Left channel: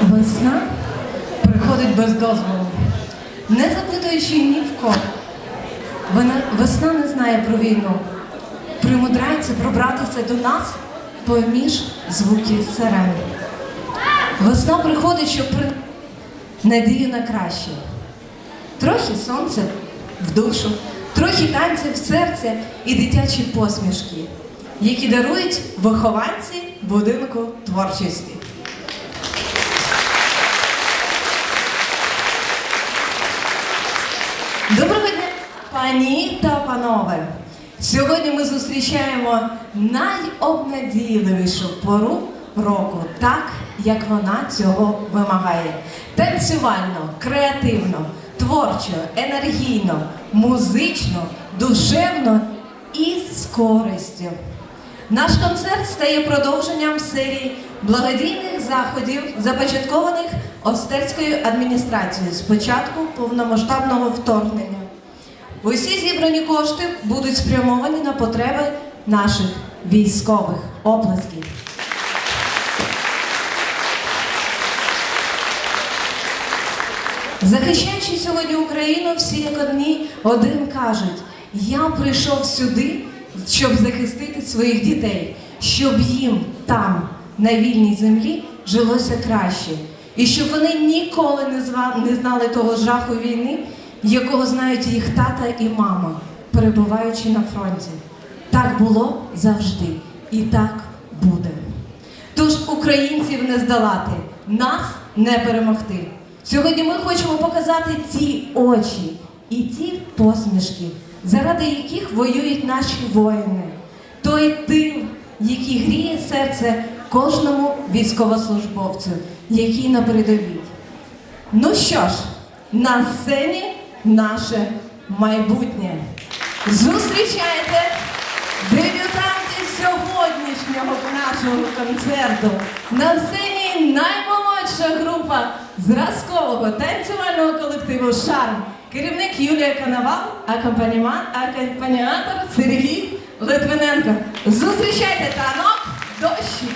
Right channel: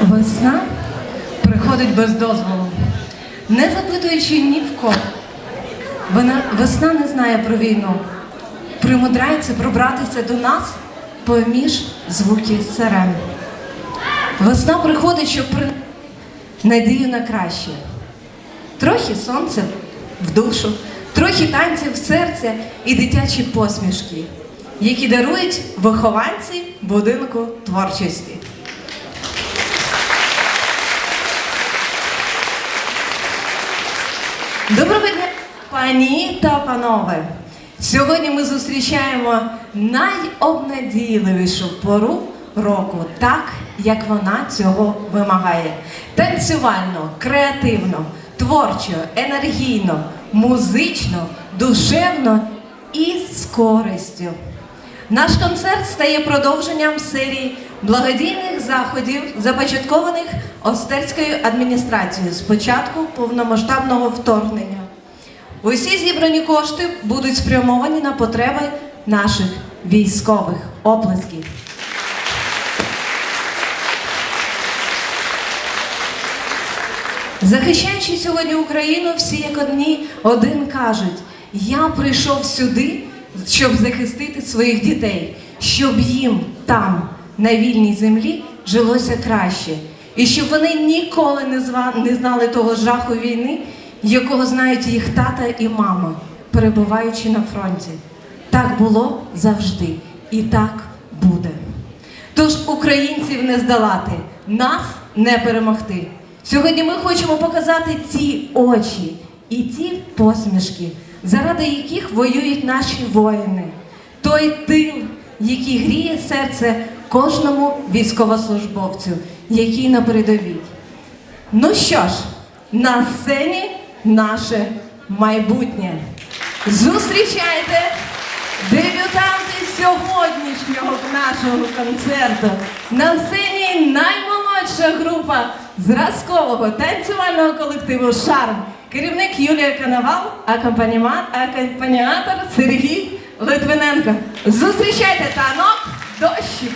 Весна приходить без дозволу, не запитуючи ні в кого. Вона, весна не знає про війну, примудряється пробратися до нас поміж звуків сирен. Весна приходить, щоб при... надію на краще. Трохи сонця в душу, трохи танців в серце і дитячі посмішки, які дарують вихованці будинку творчості. Пані та панове! Сьогодні ми зустрічаємо найобнадійливішу пору року, так як вона цього вимагає. Танцювально, креативно, творчо, енергійно, музично, душевно і з користю. Наш концерт стає продовженням серії благодійних заходів, започаткованих Остерською адміністрацією з початку повномасштабного вторгнення. Усі зібрані кошти будуть спрямовані на потреби наших військових оплесків. Захищаючи сьогодні Україну, всі як одні один кажуть: я прийшов сюди, щоб захистити своїх дітей, щоб їм там, на вільній землі, жилося краще, і щоб вони ніколи не знали того жаху війни, якого знають їх тата і мама, перебуваючи на фронті. Так було завжди, і так буде. Тож українців не здолати, нас не перемогти. Сьогодні ми хочемо показати ці очі і ці посмішки, заради яких воюють наші воїни. Той тил, який гріє серце кожному військовослужбовцю, який на передовій. Ну що ж, на сцені наше майбутнє. Зустрічайте дебютанти сьогоднішнього нашого концерту. На сцені наймолодша група зразкового танцювального колективу Шарм. Керівник Юлія акомпаніма- акомпаніатор Сергій Литвиненко. Зустрічайте танок дощик.